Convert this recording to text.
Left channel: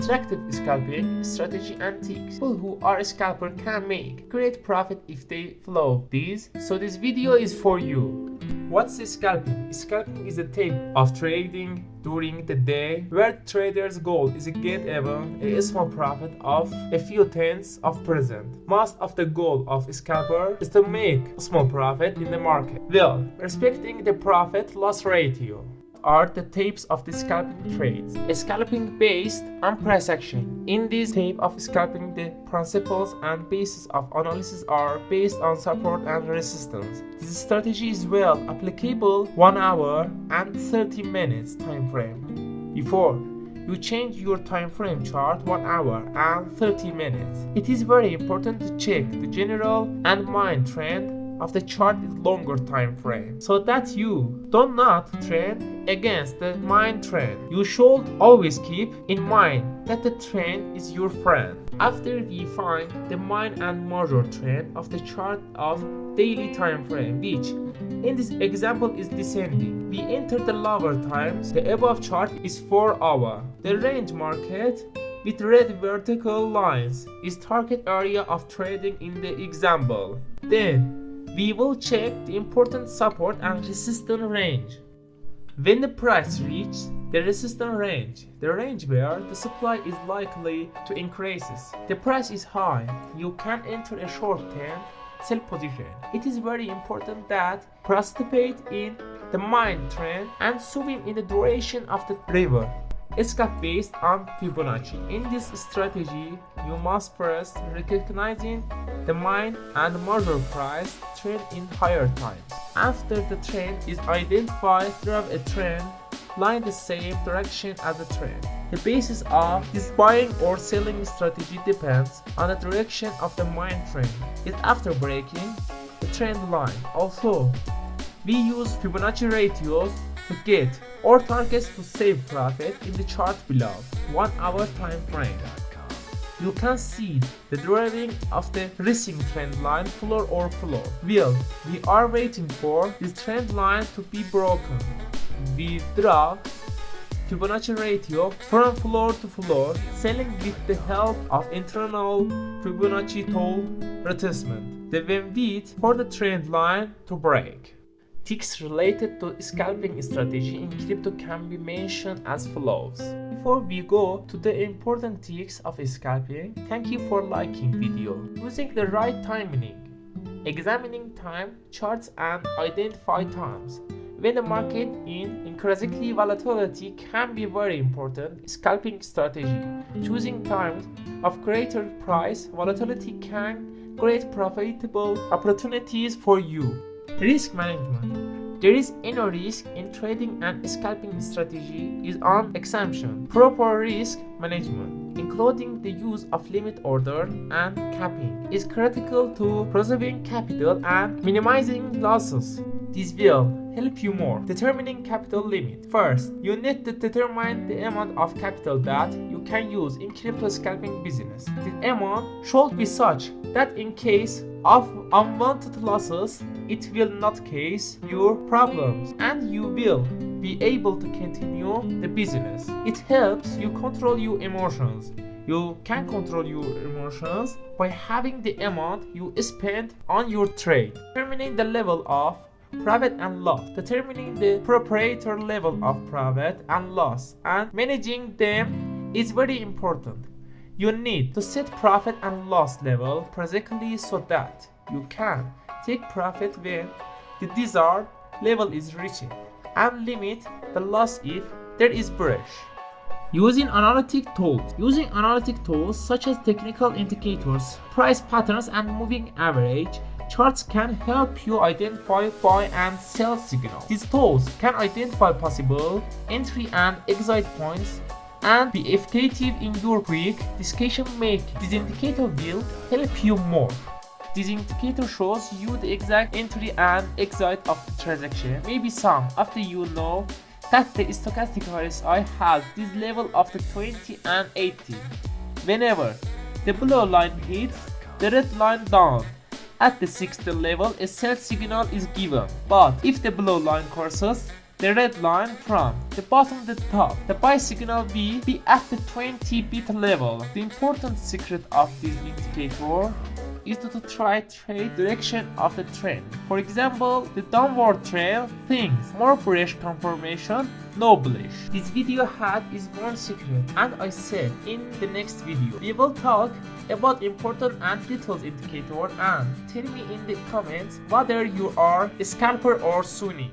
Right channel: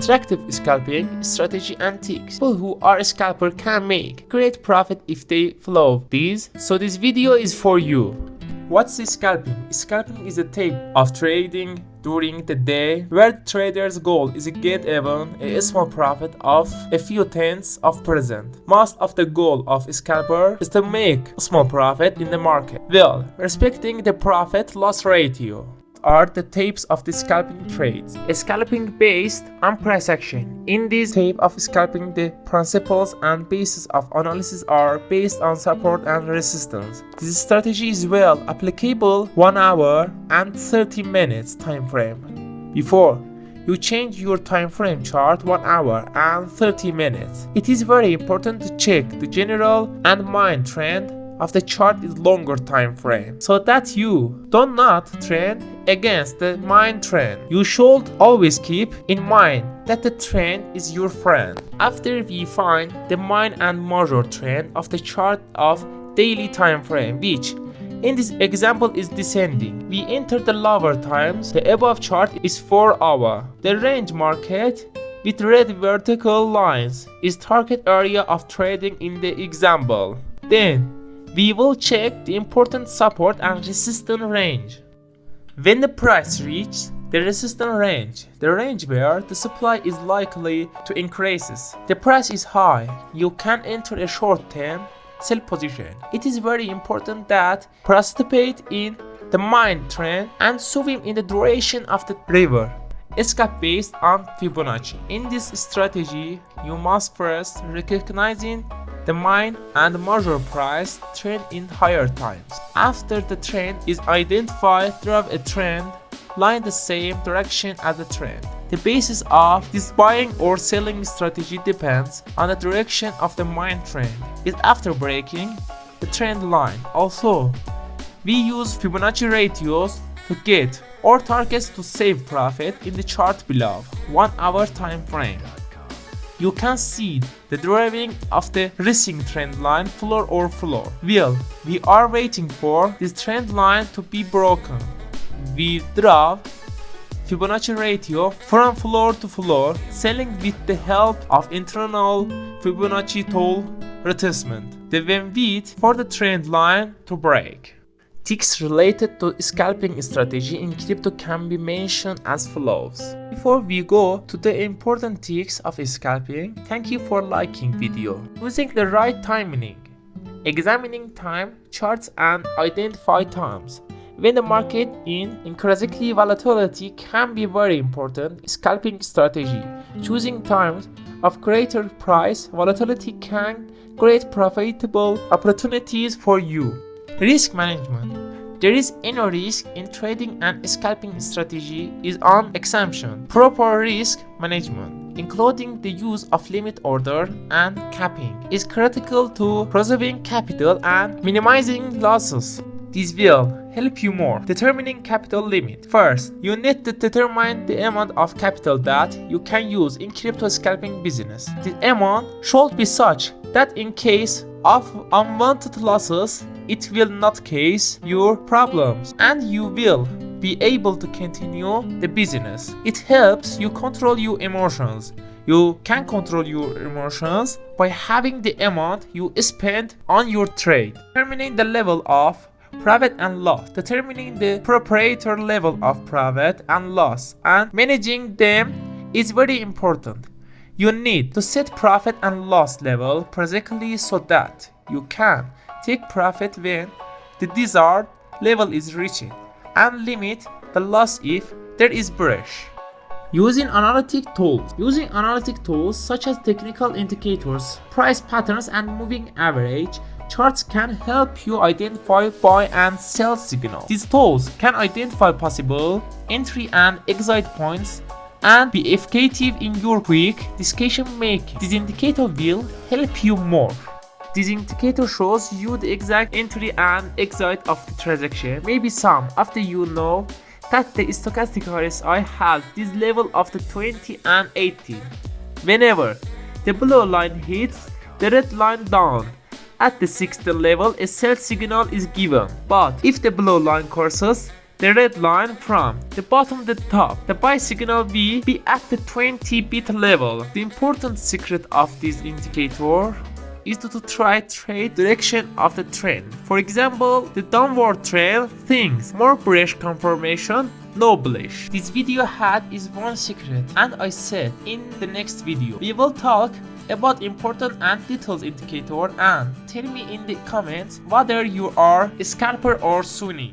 attractive scalping strategy and tips. People who are a scalper can make great profit if they follow these. So this video is for you. What's scalping? Scalping is a type of trading during the day where the trader's goal is to get even a small profit of a few tenths of percent. Most of the goal of a scalper is to make a small profit in the market. Well, respecting the profit-loss ratio are the types of the scalping trades. A scalping based on price action. In this type of scalping, the principles and basis of analysis are based on support and resistance. This strategy is well applicable 1 hour and 30 minutes time frame. Before you change your time frame chart 1 hour and 30 minutes, it is very important to check the general and main trend of the chart is longer time frame, so that you do not trend against the main trend. You should always keep in mind that the trend is your friend. After we find the main and major trend of the chart of daily time frame, which in this example is descending, we enter the lower times. The above chart is 4 hour. The range market with red vertical lines is target area of trading in the example. Then we will check the important support and resistance range. When the price reaches the resistance range, the range where the supply is likely to increase, the price is high, you can enter a short-term sell position. It is very important that participate in the main trend and swim in the duration of the river. Scalp based on Fibonacci. In this strategy, you must first recognizing the main and major price trend in higher times. After the trend is identified, draw a trend line the same direction as the trend. The basis of this buying or selling strategy depends on the direction of the main trend. Is after breaking the trend line. Also, we use Fibonacci ratios to get our targets to save profit in the chart below. 1 hour time frame. You can see the drawing of the rising trend line floor or floor. Well, we are waiting for this trend line to be broken. We draw Fibonacci ratio from floor to floor, selling with the help of internal Fibonacci tool retracement. Then wait for the trend line to break. Tips related to scalping strategy in crypto can be mentioned as follows. Before we go to the important tips of scalping, thank you for liking video. Using the right timing, examining time charts and identify times when the market in increasingly volatility can be very important scalping strategy. Choosing times of greater price volatility can create profitable opportunities for you. Risk management. There is no risk in trading, and scalping strategy is an exemption. Proper risk management, including the use of limit order and capping, is critical to preserving capital and minimizing losses. This will help you more. Determining capital limit. First, you need to determine the amount of capital that you can use in crypto scalping business. The amount should be such that in case of unwanted losses, it will not cause your problems and you will be able to continue the business. It helps you control your emotions. You can control your emotions by having the amount you spend on your trade. Determining the level of profit and loss. Determining the proprietor level of profit and loss and managing them is very important. You need to set profit and loss level precisely so that you can take profit when the desired level is reached and limit the loss if there is breach. Using analytic tools. Using analytic tools such as technical indicators, price patterns and moving average charts can help you identify buy and sell signals. These tools can identify possible entry and exit points and be effective in your quick decision making. This indicator will help you more. This indicator shows you the exact entry and exit of the transaction. Maybe some after you know that the stochastic RSI has this level of the 20 and 80. Whenever the blue line hits the red line down at the 60 level, a sell signal is given. But if the blue line crosses the red line from the bottom to the top. The buy signal will be at the 20 bit level. The important secret of this indicator is to try trade direction of the trend. For example, the downward trail things more bullish confirmation, no bullish. This video had is one secret, and I said in the next video we will talk about important and detailed indicator, and tell me in the comments whether you are a scalper or Sunni.